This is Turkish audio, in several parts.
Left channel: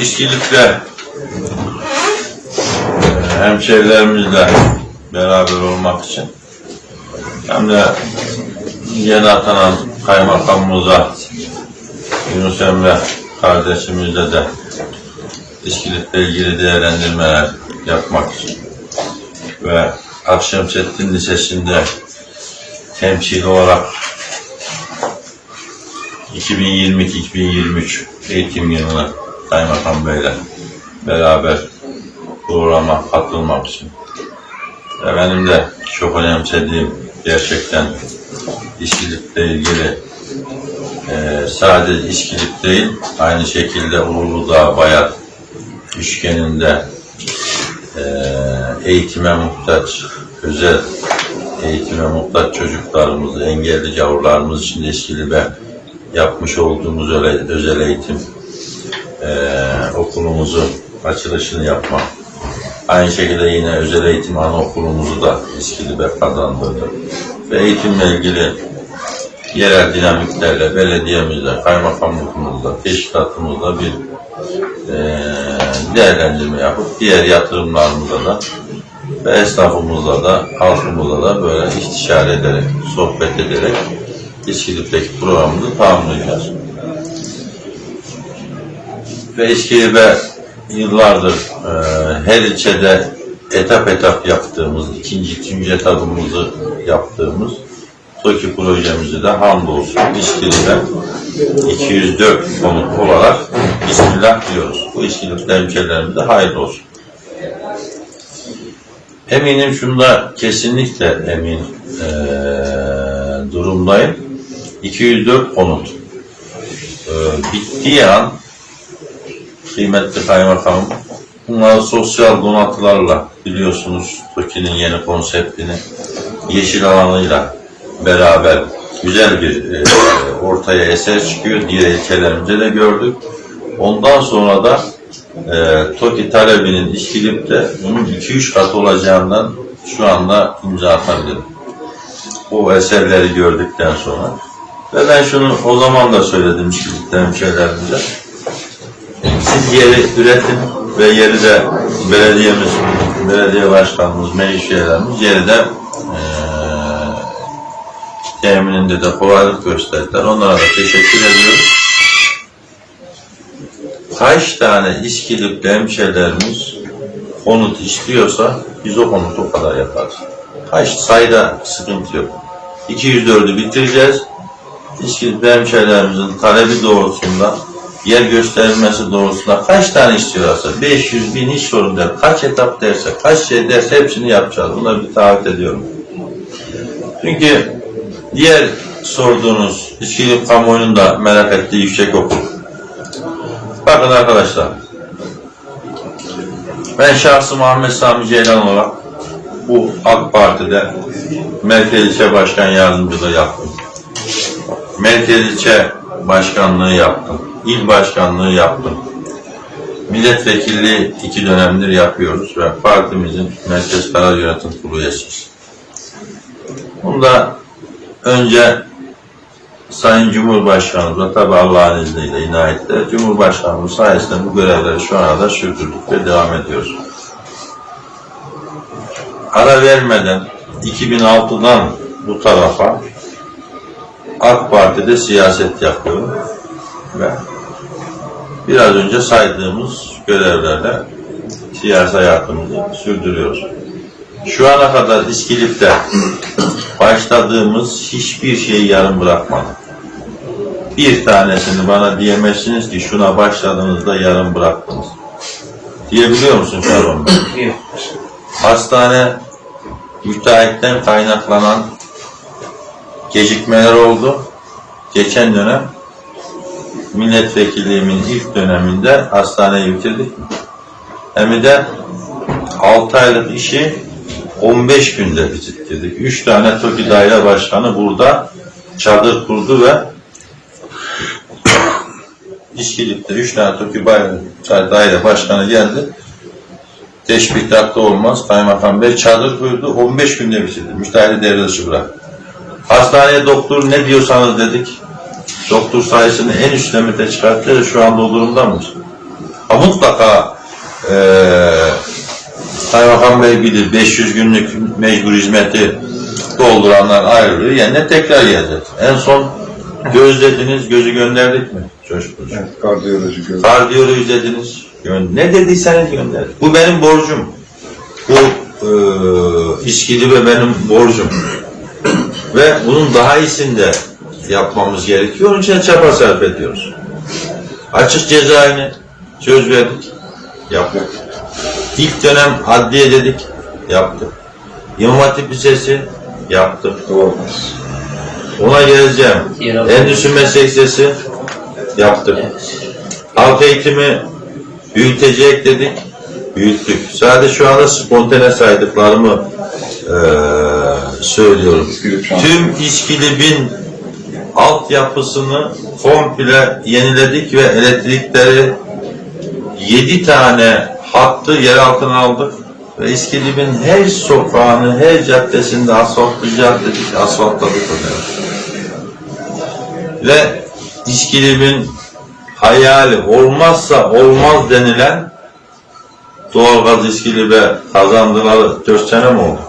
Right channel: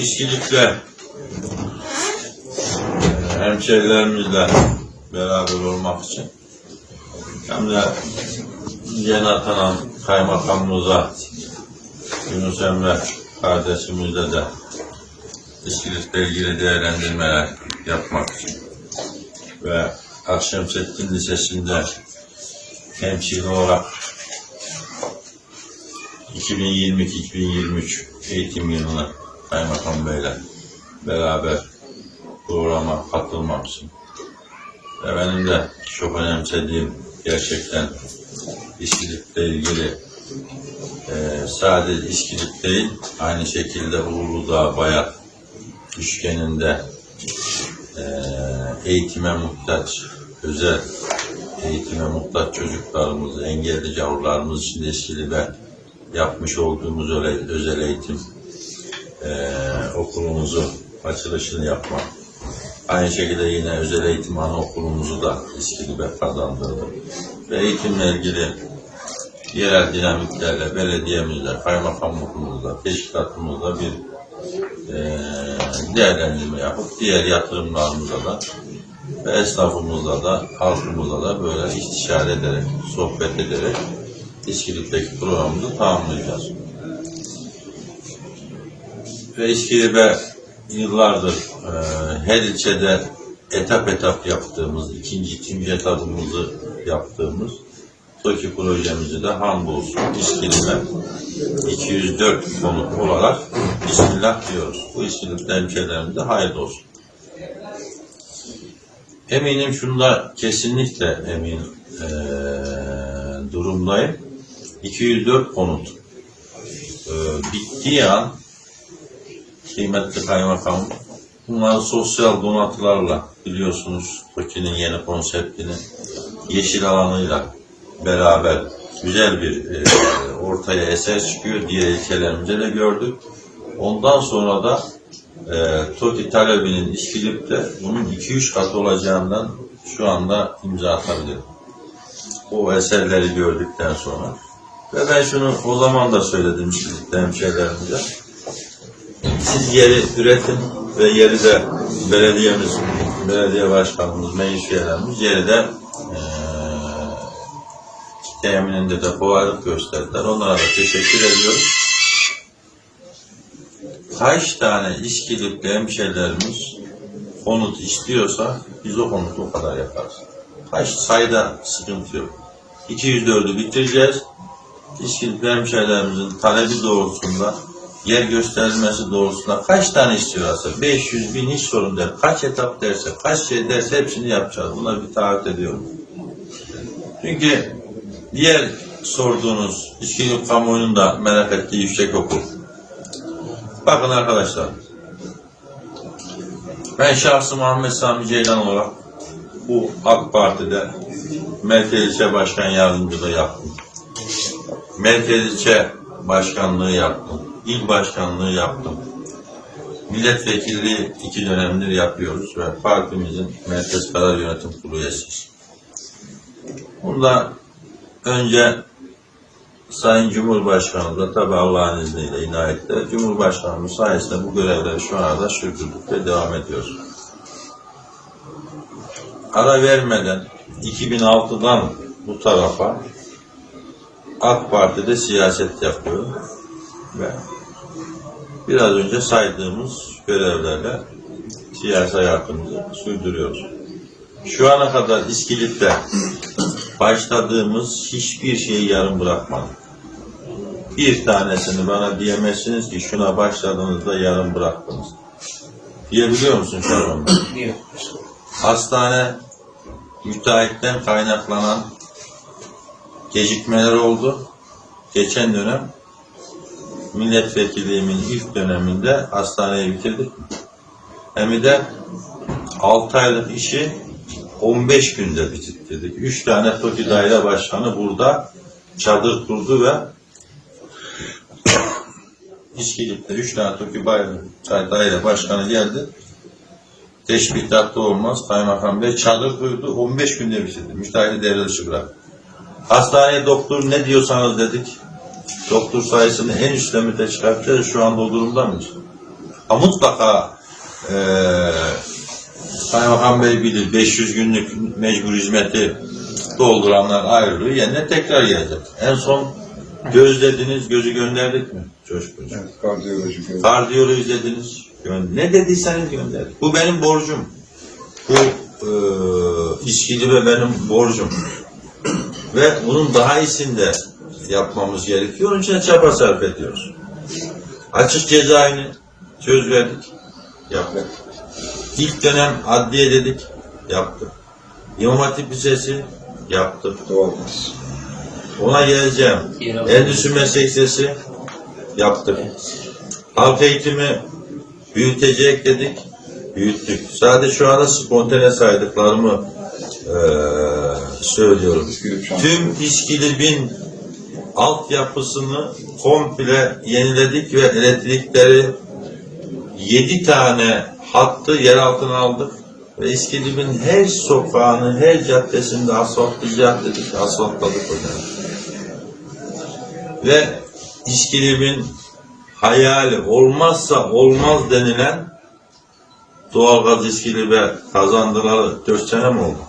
İşçilikle e, hemşehrilerimizle beraber olmak için hem de yeni atanan kaymakamımıza Yunus Emre kardeşimizle de İşçilikle ilgili değerlendirmeler yapmak için ve Akşemseddin Lisesi'nde temsil olarak 2022-2023 eğitim yılını Kaymakam Bey'le beraber programa katılmak için ve benim de çok önemsediğim gerçekten işçilikle ilgili e, sadece işçilik değil aynı şekilde Uludağ Bayat üçgeninde e, eğitime muhtaç özel eğitime muhtaç çocuklarımızı, engelli yavrularımız için de İskilip'e yapmış olduğumuz öyle, özel eğitim eee okulumuzu açılışını yapmak. Aynı şekilde yine özel eğitim anaokulumuzu da İskilip'e kazandırdık. Ve eğitimle ilgili yerel dinamiklerle, belediyemizle, kaymakamlıkımızla, teşkilatımızla bir eee değerlendirme yapıp diğer yatırımlarımıza da ve esnafımızla da, halkımızla da böyle istişare ederek, sohbet ederek İskilip'teki programımızı tamamlayacağız. Ve İskilip'e yıllardır e, her ilçede etap etap yaptığımız, ikinci, üçüncü etapımızı yaptığımız TOKİ projemizi de hamdolsun İskilip'e 204 konut olarak Bismillah diyoruz. Bu İskilip'te hemşehrilerimize hayırlı olsun. Eminim şunda kesinlikle emin eee, durumdayım. 204 konut eee, bittiği an kıymetli kaymakamım bunları sosyal donatılarla biliyorsunuz TOKİ'nin yeni konseptini yeşil alanıyla beraber güzel bir eee, ortaya eser çıkıyor. Diğer ilçelerimizde de gördük. Ondan sonra da e, TOKİ talebinin İşkilip'te bunun 2-3 kat olacağından şu anda imza atabilirim. Bu eserleri gördükten sonra. Ve ben şunu o zaman da söyledim İşkilip'te hemşehrilerimize. Siz yeri üretin ve yeri de belediyemiz, belediye başkanımız, meclis üyelerimiz yeri de e, temininde de kolaylık gösterdiler. Onlara da teşekkür ediyoruz kaç tane İskilip'li hemşehrilerimiz konut istiyorsa biz o konutu o kadar yaparız. Kaç sayıda sıkıntı yok. 204'ü bitireceğiz. İskilip'li hemşehrilerimizin talebi doğrultusunda yer gösterilmesi doğrultusunda kaç tane istiyorsa 500 bin hiç sorun değil. Kaç etap derse, kaç şey derse hepsini yapacağız. Buna bir taahhüt ediyorum. Çünkü diğer sorduğunuz İskilip kamuoyunun da merak ettiği yüksek okul Bakın arkadaşlar. Ben şahsı Muhammed Sami Ceylan olarak bu AK Parti'de Merkez İlçe Başkan Yardımcılığı yaptım. Merkez İlçe Başkanlığı yaptım. İl Başkanlığı yaptım. Milletvekilliği iki dönemdir yapıyoruz ve partimizin Merkez Karar Yönetim Kurulu üyesiyiz. Bunda önce Sayın Cumhurbaşkanımızla tabi Allah'ın izniyle inayetle Cumhurbaşkanımız sayesinde bu görevleri şu ana da sürdürdük ve devam ediyoruz. Ara vermeden 2006'dan bu tarafa AK Parti'de siyaset yapıyorum ve biraz önce saydığımız görevlerle siyasi hayatımızı sürdürüyoruz. Şu ana kadar İskilip'te başladığımız hiçbir şeyi yarım bırakmadık. Bir tanesini bana diyemezsiniz ki şuna başladığınızda yarım bıraktınız. Diyebiliyor musun Şaban Bey? Hastane müteahhitten kaynaklanan gecikmeler oldu. Geçen dönem milletvekilliğimin ilk döneminde hastaneyi bitirdik? Hem de 6 aylık işi 15 günde bitirdik. 3 tane TOKİ daire başkanı burada çadır kurdu ve İşkilip'te 3 tane TOKİ daire başkanı geldi. Teşbihtatta olmaz. Kaymakam Bey çadır kurdu. 15 günde bitirdi. Müteahhiti devre dışı bıraktı. Hastaneye doktor ne diyorsanız dedik. Doktor sayısını en üst limite çıkarttı. Şu anda o durumda mıyız? Ha, mutlaka eee Kaymakam Bey bilir 500 günlük mecbur hizmeti dolduranlar ayrılıyor. Yerine tekrar gelecek. En son gözlediniz, gözü gönderdik mi? Coşkun. Evet, kardiyoloji gördüm. Kardiyoloji dediniz. Ne dediyseniz gönderdik. Bu benim borcum. Bu eee İskili ve benim borcum. ve bunun daha iyisini de yapmamız gerekiyor. Onun için çaba sarf ediyoruz. Açık cezaevine söz verdik. Yaptık. İlk dönem adliye dedik. Yaptık. İmam Hatip Lisesi yaptık. Doğmaz. Ona geleceğim. Endüstri Meslek Lisesi yaptık. Halk eğitimi büyütecek dedik. Büyüttük. Sadece şu anda spontane saydıklarımı eee, söylüyorum. Tüm İskilip'in altyapısını komple yeniledik ve elektrikleri 7 tane hattı yer altına aldık. Ve İskilip'in her sokağını, her caddesinde asfaltlayacağız dedik, asfaltladık hocam. Ve İskilip'in hayali olmazsa olmaz denilen doğalgaz İskilip'e kazandılar 4 sene mi oldu?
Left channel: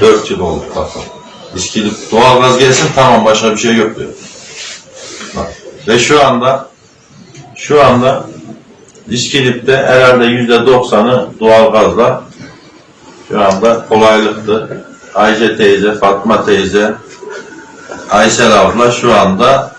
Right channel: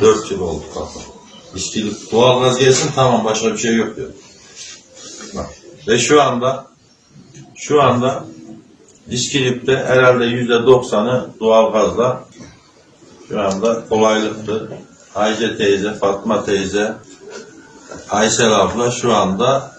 4 yıl oldu bakalım. İskilip doğalgaz gelsin tamam başka bir şey yok diyor. Ve şu anda şu anda İskilip'te herhalde yüzde doksanı doğalgazla şu anda kolaylıktı. Ayşe teyze, Fatma teyze, Aysel abla şu anda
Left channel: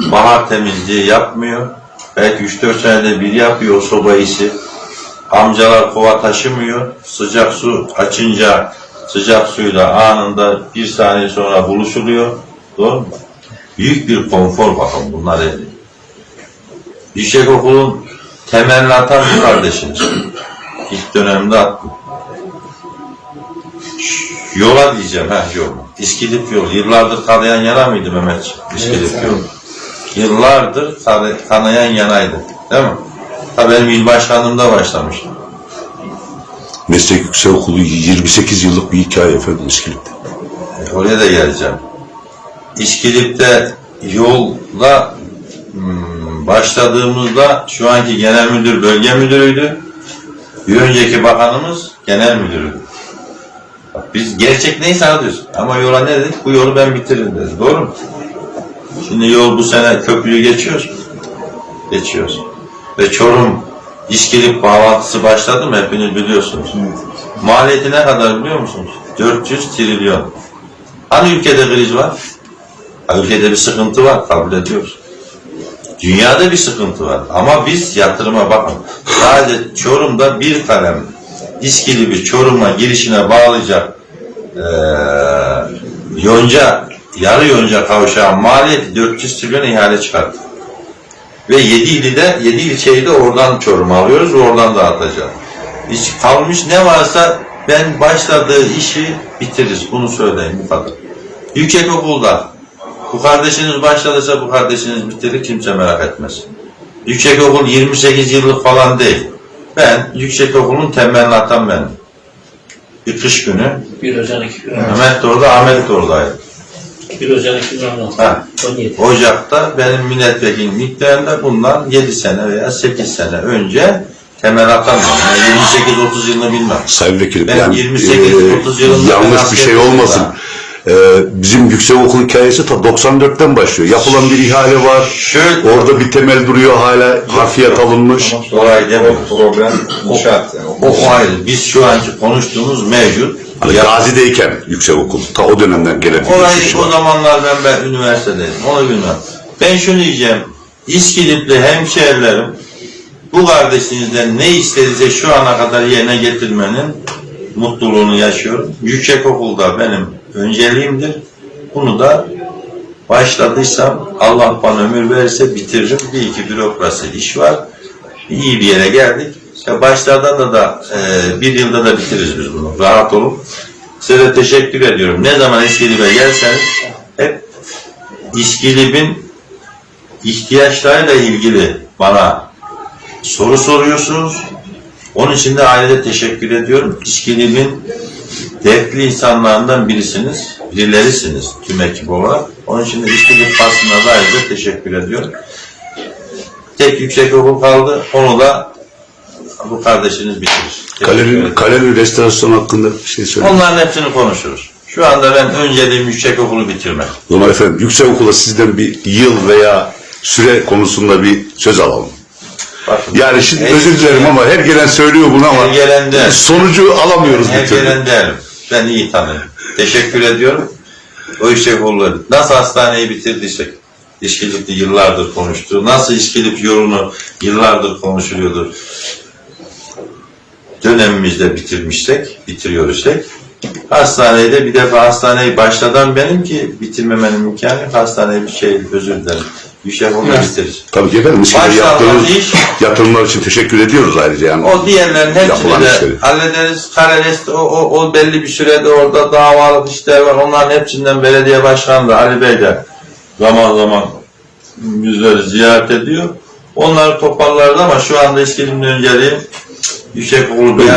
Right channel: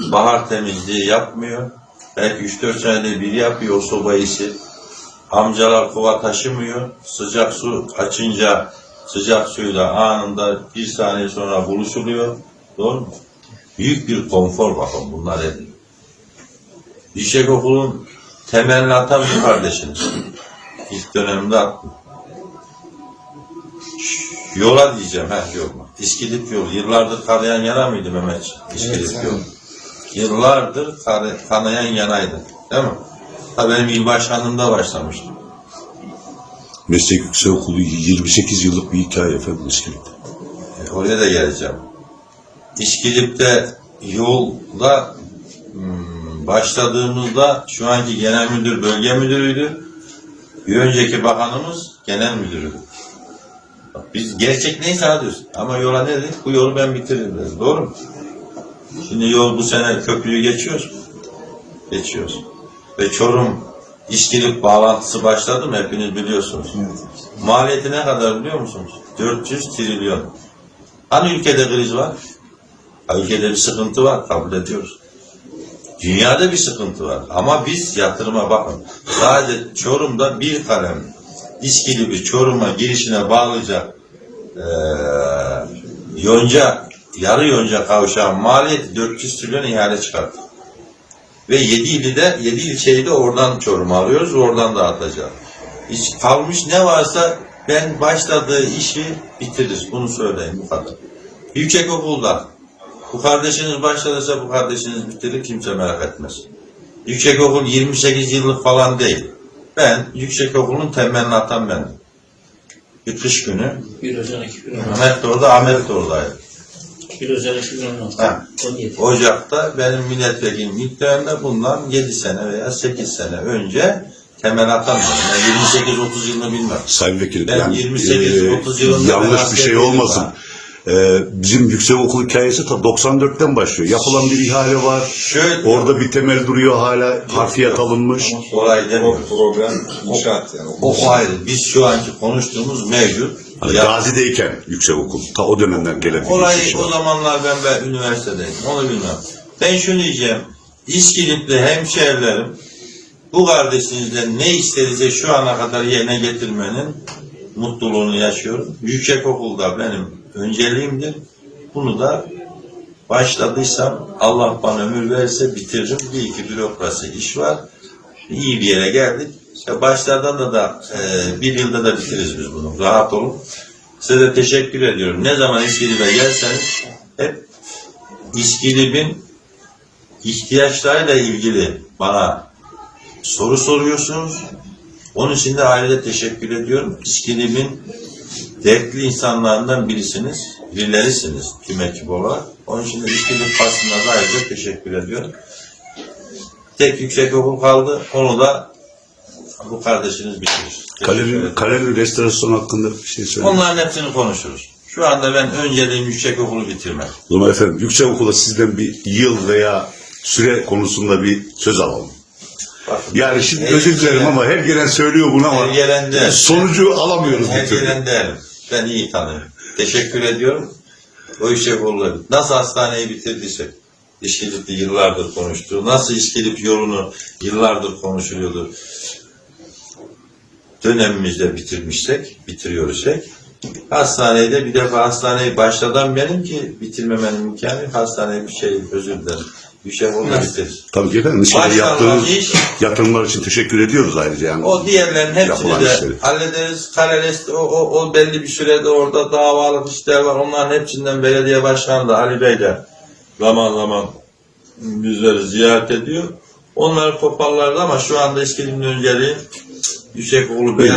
bahar temizliği yapmıyor. Belki 3-4 senede bir yapıyor o soba işi. Amcalar kova taşımıyor. Sıcak su açınca sıcak suyla anında bir saniye sonra buluşuluyor. Doğru mu? Büyük bir konfor bakın bunlar elde. Yüksek okulun temelini atan bir kardeşiniz. İlk dönemde attım. Yola diyeceğim ha yol. İskilip yol. Yıllardır kanayan yana mıydı Mehmet? İskilip Evet, yol. Yıllardır kana- kanayan yanaydı. Değil mi? Ha benim il başkanlığımda başlamış. Meslek Yüksekokulu 28 yıllık bir hikaye efendim İskilip'te. E, Oraya da geleceğim. İskilip'te yolla hmm, başladığımızda şu anki genel müdür bölge müdürüydü. Bir önceki bakanımız genel müdürüydü. Bak, biz gerçek neyse anlatıyoruz. Ama yola ne dedik? Bu yolu ben bitiririm dedi. Doğru mu? Şimdi yol bu sene köprüyü geçiyoruz. Geçiyoruz. Ve Çorum İskilip bağlantısı başladı mı? Hepiniz biliyorsunuz. Maliyeti ne kadar biliyor musunuz? 400 trilyon. Hani ülkede kriz var? Ha, ülkede bir sıkıntı var, kabul ediyoruz. Dünyada bir sıkıntı var. Ama biz yatırıma bakın. Sadece Çorum'da bir kalem İskilip'i Çorum'a girişine bağlayacak eee yonca, yarı yonca kavşağın maliyeti 400 trilyon ihale çıkarttı. Ve 7 ili de 7 ilçeyi de oradan Çorum'a alıyoruz oradan dağıtacağız. Hiç kalmış ne varsa ben başladığı işi bitiririz. Bunu söyleyeyim bu kadar. Yüksek okulda bu kardeşiniz başladıysa bu kardeşiniz bitirir kimse merak etmez. Yüksek okul 28 yıllık falan değil. Ben yüksek okulun temelini atan benim. Bir kış günü Bir Ocak 2016. Mehmet de orada, Ahmet de oradaydı. 1 Ocak 2016. Ha. 17. Ocak'ta benim milletvekili miktarında bundan 7 sene veya 8 sene önce temel. Yani 28-30 yılını bilmem. Sayın Vekilim, Ben yani, 28-30 yılında ben yanlış bir şey olmasın. da. Ee, bizim yüksekokul hikayesi ta 94'ten başlıyor. Yapılan bir ihale var. Şöyle Orada bir temel duruyor hala harfiyat alınmış. Kolay demiyoruz. Problem inşaat yani. o, o ayrı. Biz şu anki konuştuğumuz mevcut. Hani Ya, Gazi'deyken yüksekokul. Ta o dönemden gelen bir orayı, o zamanlar ben, ben üniversitedeydim. Onu bilmem. Ben şunu diyeceğim. İskilipli hemşehrilerim bu kardeşinizden ne istediyse şu ana kadar yerine getirmenin mutluluğunu yaşıyorum. Yüksek okulda benim önceliğimdir. Bunu da başladıysam Allah bana ömür verirse bitiririm. Bir iki bürokrasi iş var. İyi bir yere geldik. Ya başlarda da da e, bir yılda da bitiririz biz bunu. Rahat olun. Size teşekkür ediyorum. Ne zaman İskilip'e gelseniz hep İskilip'in ihtiyaçlarıyla ilgili bana soru soruyorsunuz. Onun için de ailede teşekkür ediyorum. İskilip'in dertli insanlarından birisiniz, birilerisiniz tüm ekip olarak. Onun için de İskilip basına da ayrıca teşekkür ediyorum. Te- tek yüksek okul kaldı. Onu da bu kardeşiniz bitirir. Ederim. galeri restorasyon hakkında bir şey söyle. Onların hepsini konuşuruz. Şu anda ben önceliğim yüksek okulu bitirmek. O zaman efendim yüksek okula sizden bir yıl veya süre konusunda bir söz alalım. Bakın, Yani şimdi özür dilerim ama her gelen söylüyor bunu ama Her gelen de- sonucu alamıyoruz Her gelen derim. Ben iyi tanırım. Teşekkür ediyorum. O yüksek okulları. Nasıl hastaneyi bitirdiysek, İşkilip'te yıllardır konuştu. Nasıl İşkilip yolunu yıllardır konuşuluyordu. Dönemimizde bitirmişsek, bitiriyoruzsek, hastaneyi de bir defa hastaneyi başladan benim ki bitirmemenin imkanı yok. Hastaneyi bir şey, özür dilerim. Yüksek okulu bitiririz. Tabii ki efendim. Başlanmaz yaptığınız iş. yatırımlar için teşekkür ediyoruz ayrıca yani. O diğerlerin hepsini de işleri. hallederiz. Kararest, o, o, o belli bir sürede orada davalık işler var. Onların hepsinden belediye başkanı da Ali Bey de zaman zaman bizleri ziyaret ediyor. Onları toparlarız ama şu anda eskilimden önceliği yüksek okul bir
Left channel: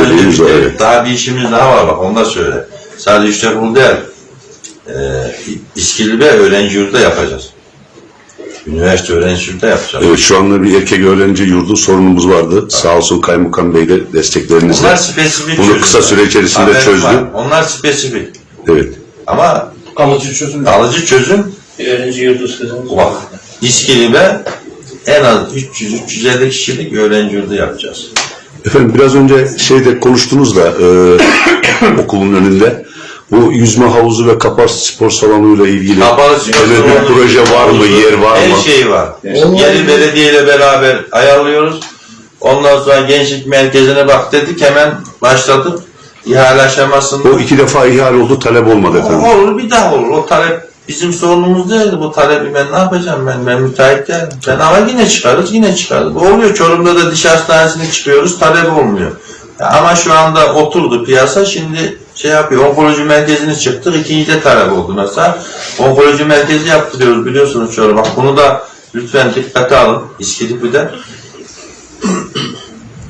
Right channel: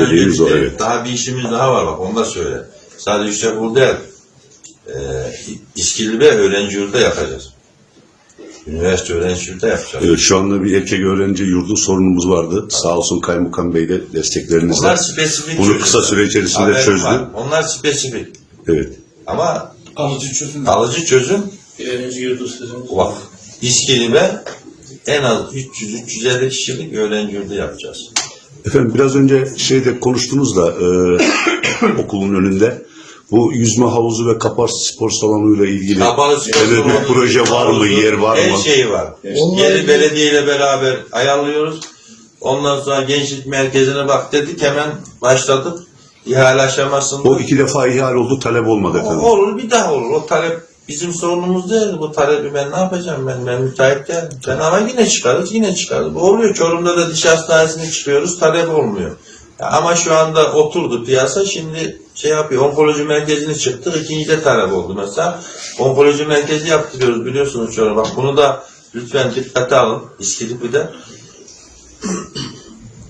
evet. Daha bir işimiz daha var bak onu da söyle. Sadece yüksek okul değil. Ee, İskilip'e öğrenci yurdu yapacağız. Üniversite öğrenci yurdu yapacağız. Evet şu anda bir erkek öğrenci yurdu sorunumuz vardı. Sağ olsun Kaymakam Bey de desteklerinizle. Onlar spesifik Bunu kısa süre içerisinde Haberim çözdü. var. Onlar spesifik. Evet. Ama Kalıcı çözüm. kalıcı çözüm Bir öğrenci yurdu sizin. bak. İskilip'e en az 300-350 kişilik öğrenci yurdu yapacağız. Efendim biraz önce şeyde konuştunuz da e, okulun önünde bu yüzme havuzu ve kapalı spor salonuyla ilgili Kapalı spor öyle bir proje var mı, yer var Her mı? şey var. Yeri belediyeyle beraber ayarlıyoruz. Ondan sonra gençlik merkezine bak dedik hemen başladık. İhale aşamasında. O iki defa ihale oldu, talep olmadı O efendim. olur bir daha olur. O talep bizim sorunumuz değildi. Bu talebi ben ne yapacağım ben? Ben müteahhit değilim. Ben ama yine çıkarız, yine çıkarız. Bu oluyor. Çorum'da da diş hastanesini çıkıyoruz. Talep olmuyor. Ama şu anda oturdu piyasa. Şimdi şey yapıyor. Onkoloji merkezini çıktık. ikinci de talep oldu mesela. Onkoloji merkezi yaptırıyoruz biliyorsunuz Çorum. Bak bunu da lütfen dikkate alın. İskilip'de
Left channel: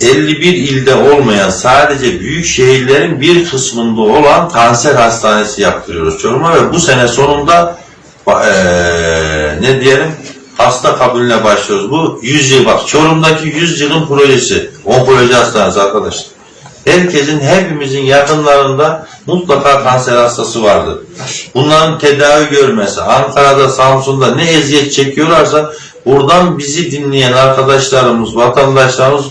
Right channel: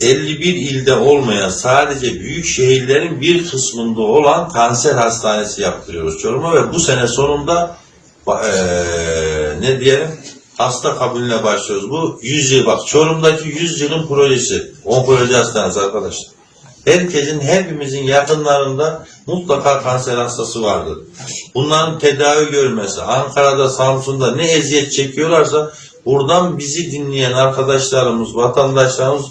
51 ilde olmayan sadece büyük şehirlerin bir kısmında olan kanser hastanesi yaptırıyoruz Çorum'a ve bu sene sonunda eee, ne diyelim hasta kabulüne başlıyoruz. Bu 100 yıl bak Çorum'daki 100 yılın projesi onkoloji hastanesi arkadaşlar. Herkesin hepimizin yakınlarında mutlaka kanser hastası vardır. Bunların tedavi görmesi, Ankara'da, Samsun'da ne eziyet çekiyorlarsa buradan bizi dinleyen arkadaşlarımız, vatandaşlarımız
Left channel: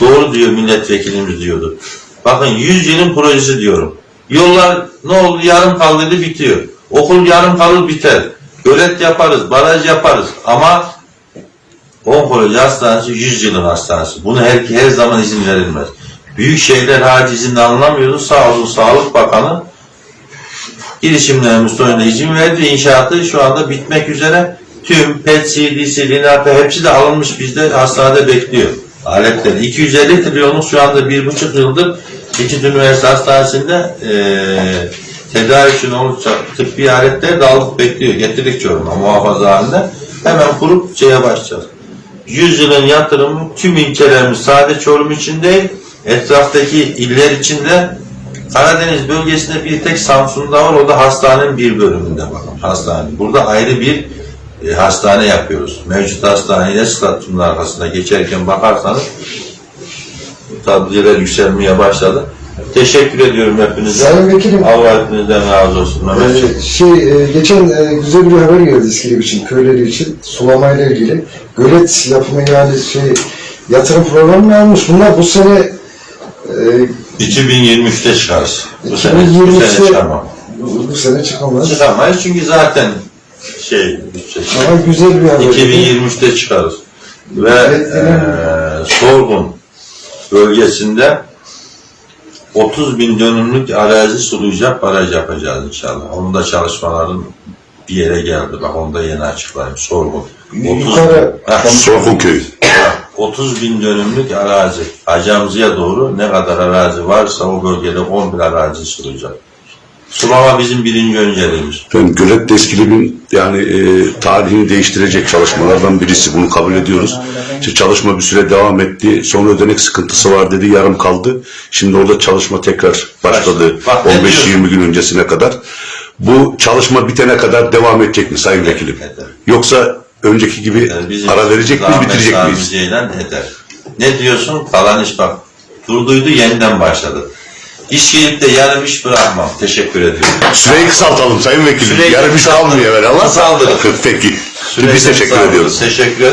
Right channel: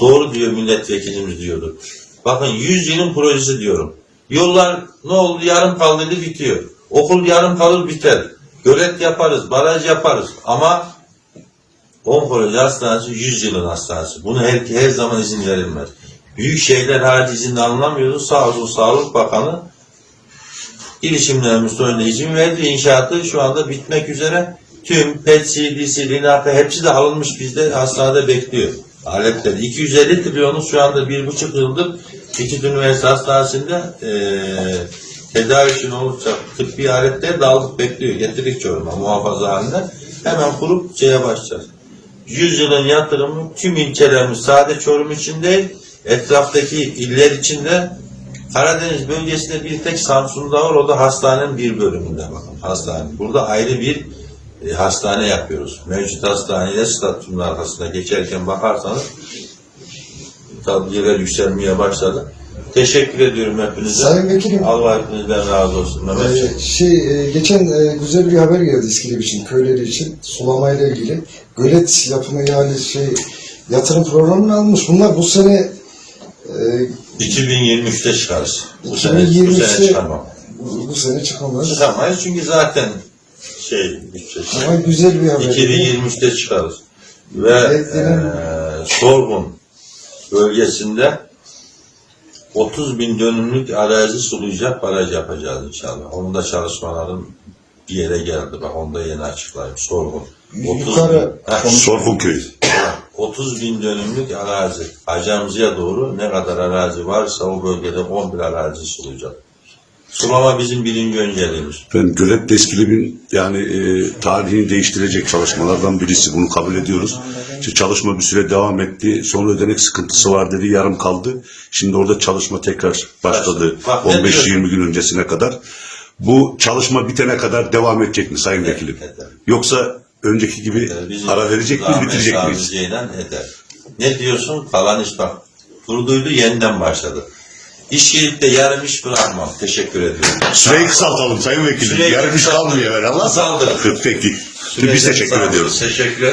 doğru diyor milletvekilimiz diyordu. Bakın 100 yılın projesi diyorum. Yollar ne oldu yarım kaldıydı bitiyor. Okul yarım kalır biter. Gölet yaparız, baraj yaparız ama Onkoloji hastanesi 100 yılın hastanesi. Bunu her, her zaman izin verilmez. Büyük şehirler harici izin alınamıyordu. Sağ olsun Sağlık Bakanı girişimlerimiz sonunda izin verdi. İnşaatı şu anda bitmek üzere. Tüm PET, CD'si, Linarka hepsi de alınmış bizde hastanede bekliyor. Aletler. 250 trilyonluk şu anda bir buçuk yıldır İkit Üniversite Hastanesi'nde eee tedavi için olacak tıbbi aletler de alıp bekliyor. Getirdik Çorum'a muhafaza halinde. Hemen kurup şeye başlayacağız. 100 yılın yatırımı tüm ilçelerimiz sadece Çorum için değil, etraftaki iller için de Karadeniz bölgesinde bir tek Samsun'da var, o da hastanenin bir bölümünde bakın hastane. Burada ayrı bir e, hastane yapıyoruz. Mevcut hastaneye stadyumun arkasında geçerken bakarsanız tablolar yükselmeye başladı. Teşekkür ediyorum hepinize. Sayın Vekilim, Allah hepinizden razı olsun. Mehmetciğim. e, şey e, geçen e, güzel bir haber geldi İskilip için, köyleri için sulamayla ilgili. Gölet yapımı yani şey yatırım programı almış. Bunlar bu sene e, 2023'te çıkarız. Bu sene, bu 2023'te sene çıkarmam. bu, bu sene çıkamaz. Çıkamayız çünkü zaten şey bütçe Ama güzel bir haber. 2023'te çıkarız. Ve Ürettiğinin- eee Sorgun bölgesinde 30 bin dönümlük arazi sulayacak baraj yapacağız inşallah. Onun da çalışmaların bir yere geldi. Bak onu da yeni açıklayayım. Sorgun. 30 Yukarı- Ha, Sorgun köyü. Ha, 30 bin dönümlük arazi. Acamzı'ya doğru ne kadar arazi varsa o bölgede 11 arazi sulayacak. Sulama bizim birinci önceliğimiz. Efendim Gölet Deskilip'in yani e, tarihini değiştirecek çalışmalardan birisi. Bunu kabul ediyoruz. İşte çalışma bir süre devam etti. Son ödenek sıkıntısı var dedi. Yarım kaldı. Şimdi orada çalışma tekrar başladı. Bak, ne 15-20 gün öncesine kadar. Bu çalışma bitene kadar devam edecek mi Sayın Vekilim? Yoksa önceki gibi Yani bizim ara verecek miyiz, bitirecek miyiz? Ceylan eder. Ne diyorsun? Falan iş bak. Durduydu yeniden başladı. İş gelip de yarım iş bırakmam. Teşekkür ediyorum. Süreyi kısaltalım Sayın Vekilim. Süreyi Yarım iş almıyor evvel ama. Kısaldık. Peki. Sürekli Biz teşekkür ediyoruz. Teşekkür